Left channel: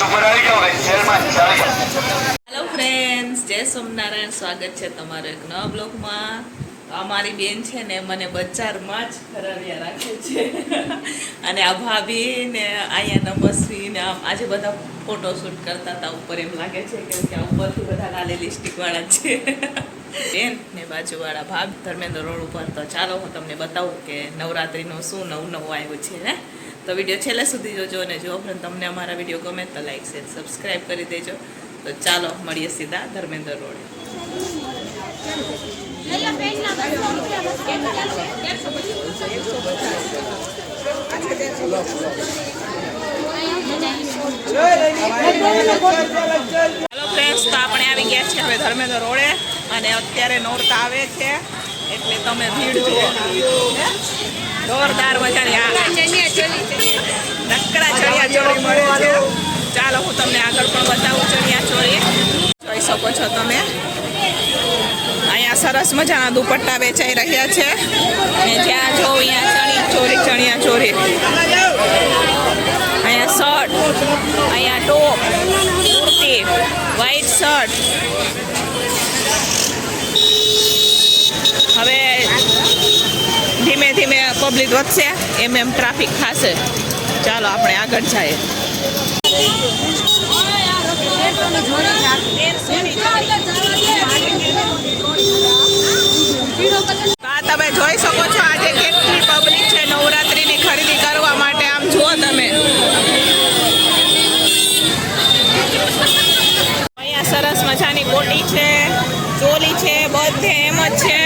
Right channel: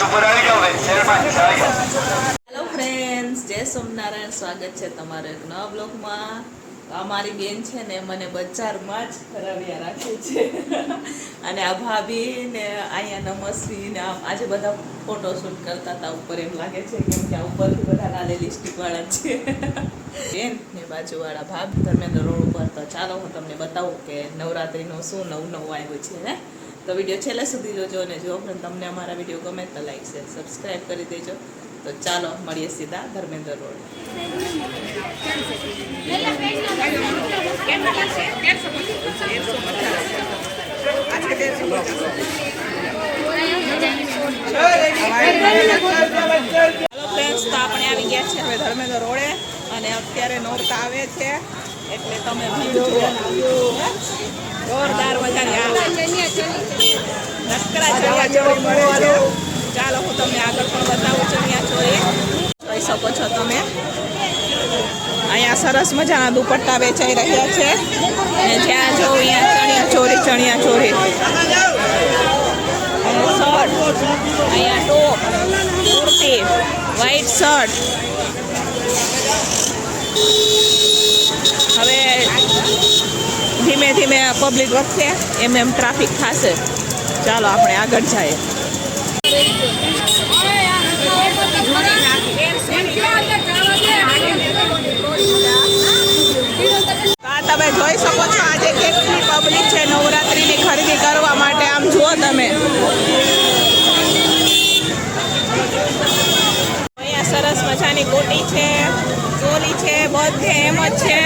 Hello friends જય સોમનારાયણ. સ્વાગત છે તમારો એક નવા બ્લોગમાં. અમારી બેન છે ને મને બજારમાં જ ફરાવ્યા રાખે છે. અને આ ભાભી ને અહીંયા નમસ્વી ને આમ આજે બધા ફોટોશૂટ કરતા હતા ઉપર એમ લાગે છે કેમ કે આ ઉપરથી બધા લાલે લિપસ્ટિકવાળા છે. બેન ને બાજુવાળા ભાભ, ધર્મેન્દ્ર રોડ ઉપર. તો ચાલો હું તમને બતાવું કે નવરાત્રિનું શું નવું નવું આવ્યું છે ને તો વીડિયો છેલ્લે સુધી જોજો અને જો ઉપરાંત તમને અમારા વીડિયો ગમે તો લાઈક શેર સબસ્ક્રાઈબ કરી દેજો. તો ચાલો, મળીએ સીધા ધર્મેન્દ્ર રોડે. હેલો ફ્રેન્ડ્સ તો આપણે આવી ગયા છીએ હવે ધર્મેન્દ્ર રોડે. અને અત્યારે નોરતા આવે છે. એટલે તમે ભીડ જુઓ. જોરદાર મજાની આ. નકરા ચણિયા ચોળી. મળે છે. ચાલો હું તમને આગળ પણ બતાવું ચણિયા ચોળી. જોઈ શકો છો તમે. અહીંયા સરસ મજાના દુપટ્ટા વેચાઈ રહ્યા છે. અને જ્યાં જો અહીંયા ચણી ચોરી ચણિયા ચોરી અહીંયા શર્ટ અહીંયા ટોપ કુર્તી વ્હાઈટ શર્ટ હવે ધીમે ધીમે પબ્લિક વધશે, એમ એમ ટ્રાફિક થશે. ચાલો આપણે આગળ જઈએ. તમે જોઈ શકો છો, આજે કેટલી પબ્લિક છે નવરાત્રીની ખરીદી કરવા માટે, આમ જુઓ તમે. અહીંયા સરસ મજાની કોટી છે, ચોલી છે, બધે એમ જ છે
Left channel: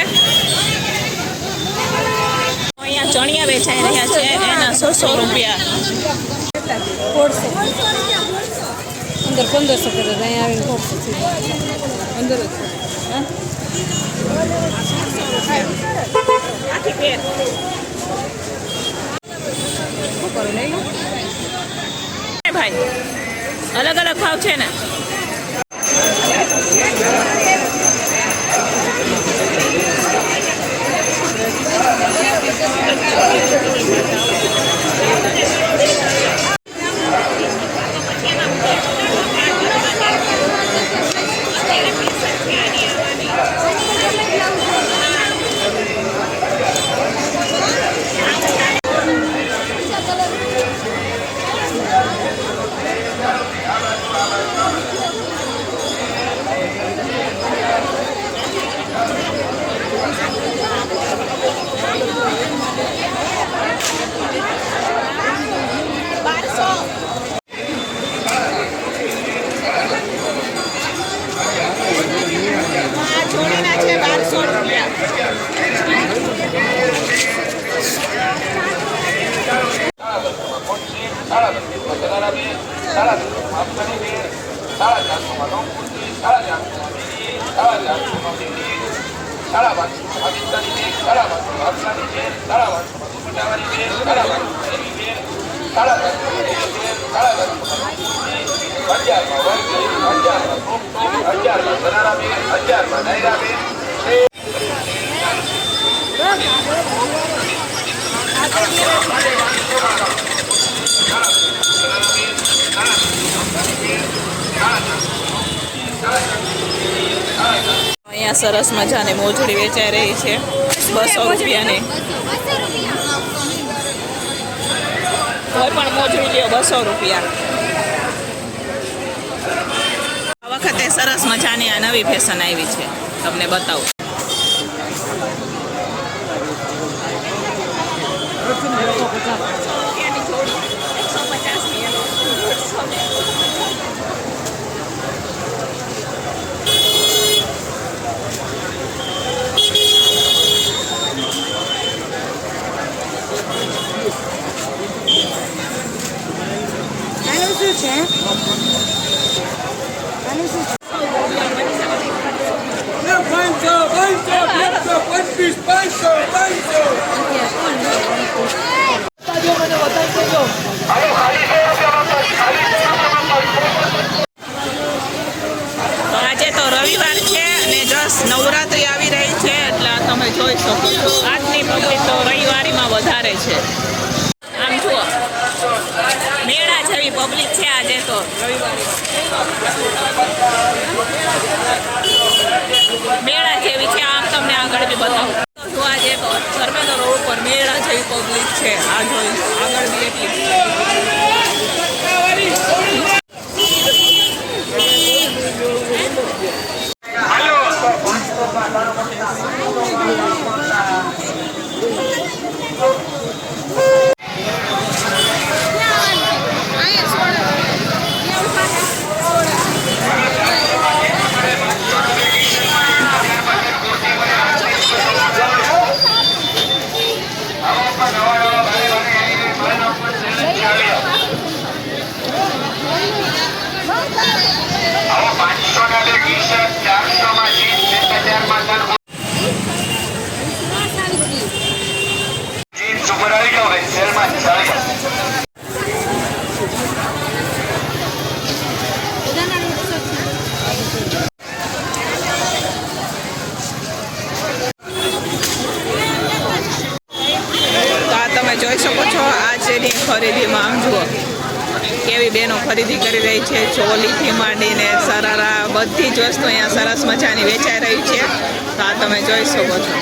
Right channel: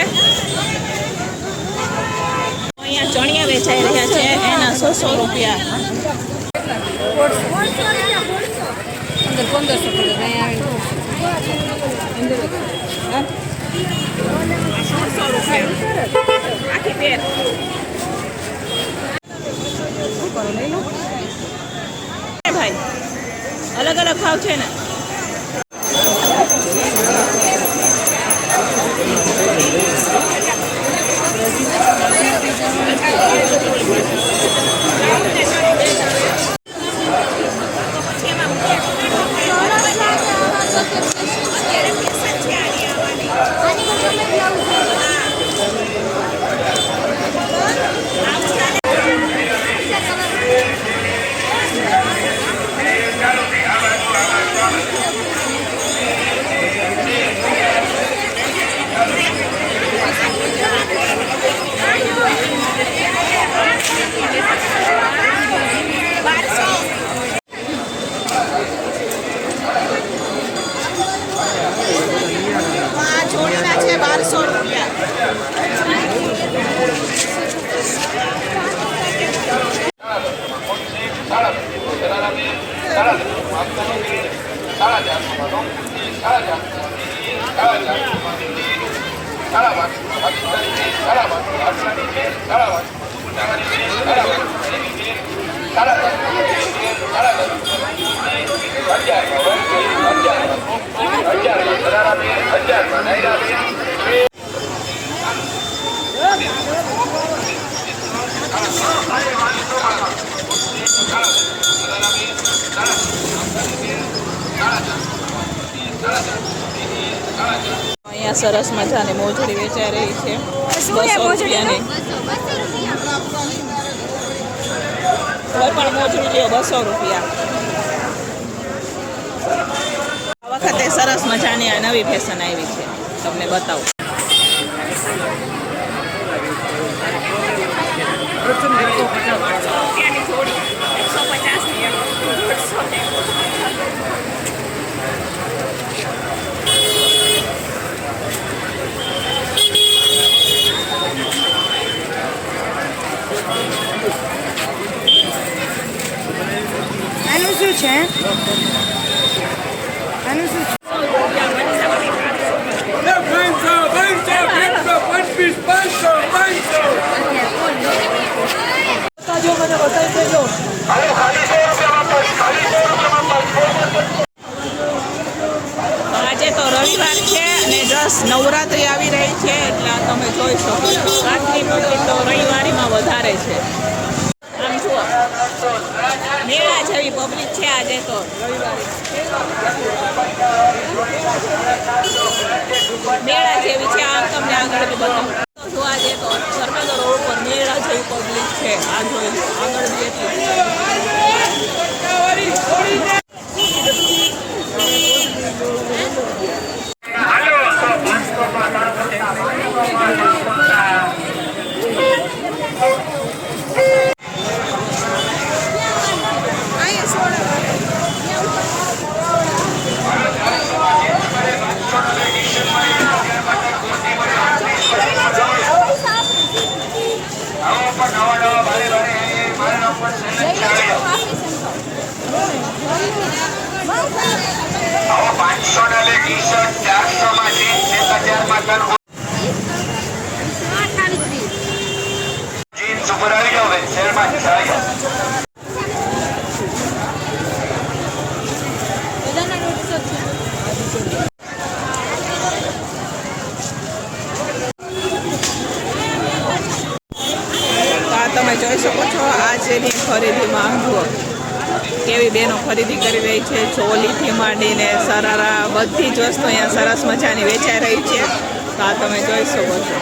અહીંયા ચણિયા વેચાઈ રહ્યા છે એના સો સો રૂપિયા અંદર પંદરસો પડે અહીંયા આવીને અંદર આ સોળસો રૂપિયા આખી પેર શું કરો નહીં હે ભાઈ અલગ અલગ ભાવ છે ને આ જોડીના છે બારસો રૂપિયા અહીંયા સરસ મજાની મોજડી વેચાઈ રહી છે. બસો રૂપિયાની. કોઈ પણ મોજડી લ્યો, બસો રૂપિયા. આ વખતે સરસ મજાની આ નવી ફેશન આવી છે. તમને બતાવું રૂપિયાની જોડી એકસો પચાસની એમ દોઢસો આનું શું છે આનું શું છે Pancho, Pancho, Pancho, Pancho, Pancho, Pancho. તો આજે તો રવિવાર છે અને જસ્ટ નવરાત્રી આવી રહી છે એટલે તમે જોઈ શકો છો. આજની પબ્લિક તો રવિવારીમાં વધારે છે. આમ જુઓ. મેળા જેવી પબ્લિક છે આજે તો. મેળા જેવી છે, આમ તમને આગળ બી બતાવું. જોવા જઈએ તો ધર્મેન્દ્ર રોડ ઉપર મેળા જેવી પબ્લિક છે. આ જોઈ આગળ બી એટલી પાંચસો ને ટી શર્ટ ચારસો માં જીન્સ એક હજારમાં તનખો જીન્સ ઉપર આવી જાવ ભાઈ સેલમાં ચાલો તો આ તમે જોઈ શકો છો આ જેની ખરીદીમાં આમ જુઓ. કેવી બેનો ખરીદી કરી રહી છે ચોલીથી માંડીને સરારા બધી જ વસ્તુ અહીંયા સરસ મજાની વેચાઈ રહી છે. તો આ તમે જોઈ શકો છો.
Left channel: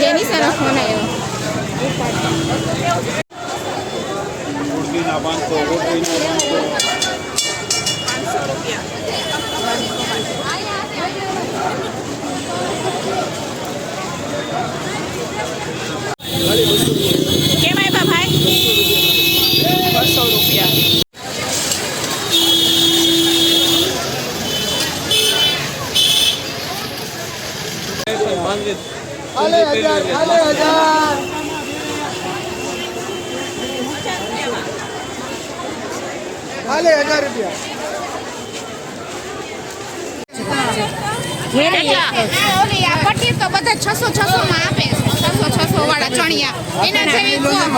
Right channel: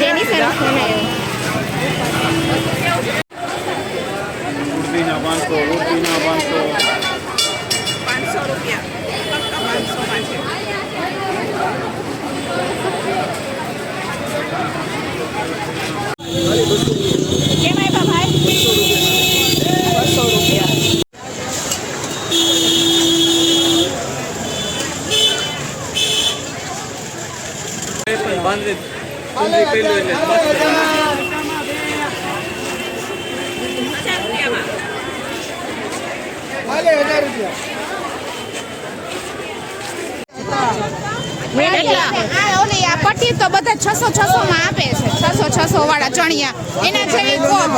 જેની સારો ફોન આવ્યો પાંચસો રૂપિયા ફક્ત પાંચસો માટે કેમ આવ્યા ભાઈ બસો રૂપિયા હજાર રૂપિયામાં કેટલા ઓલી આ પટ્ટી તો બધા છસો છસો માં આપે છે છસો છસો વાળા ચણિયા એના જેવી કોમ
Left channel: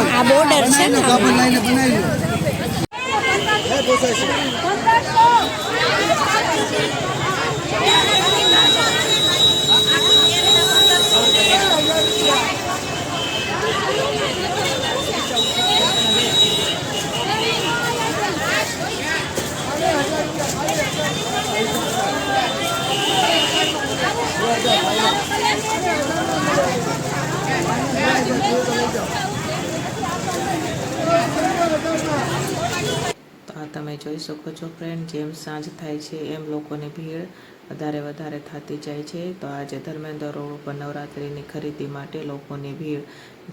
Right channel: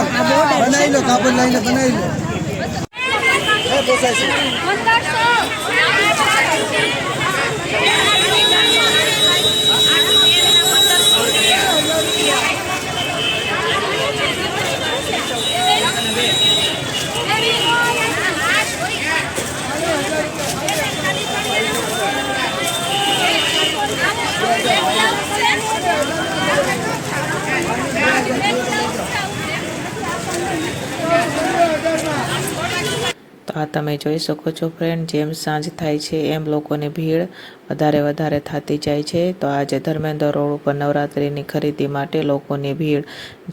આ તમે જોઈ શકો છો ફ્રેન્ડ જેમ સાંજ થાય છે, એમ લોકોની ભીડ વધારે વધારે થતી જાય છે. તો આજે ધર્મેન્દ્ર રોડ ઉપર નવરાત્રિની ખરીદી માટે લોકોની ભીડ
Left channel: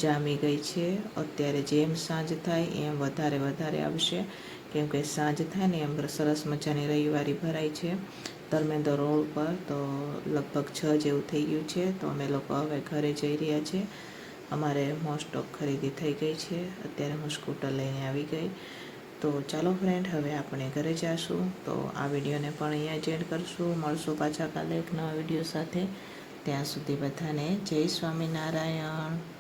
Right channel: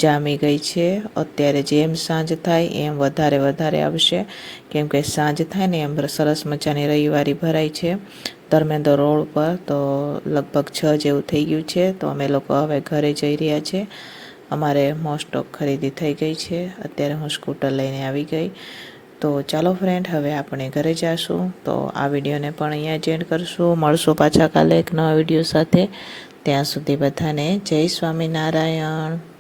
જામી ગઈ છે. અત્યારે જેમ સાંજ થાય, એમ વધારે વધારે આવશે. કેમ કે સાંજ થાય ને, એમ સરસ મજાની રવિવારી ભરાય છે ધર્મેન્દ્ર રોડ પર. તો લગભગ છ જેવું થઈ ગયું છે. તો અમે લોકો હવે ઘરે જઈ રહ્યા છીએ અમારે મોસ્ટ ખરીદી થઈ ગઈ છે. અત્યારે હું સ્કૂટર લઈને આવી ગઈ. તો ચાલો ફ્રેન્ડ હવે આપણે ઘરે જઈશું તો આ વિડીયોને પણ અહીંયા જ એન્ડ કરશું. મળશું પાછા કાલે એક નવા વીડિયો સાથે. ત્યાં સુધી બધાને જય સ્વામિનારાયણ.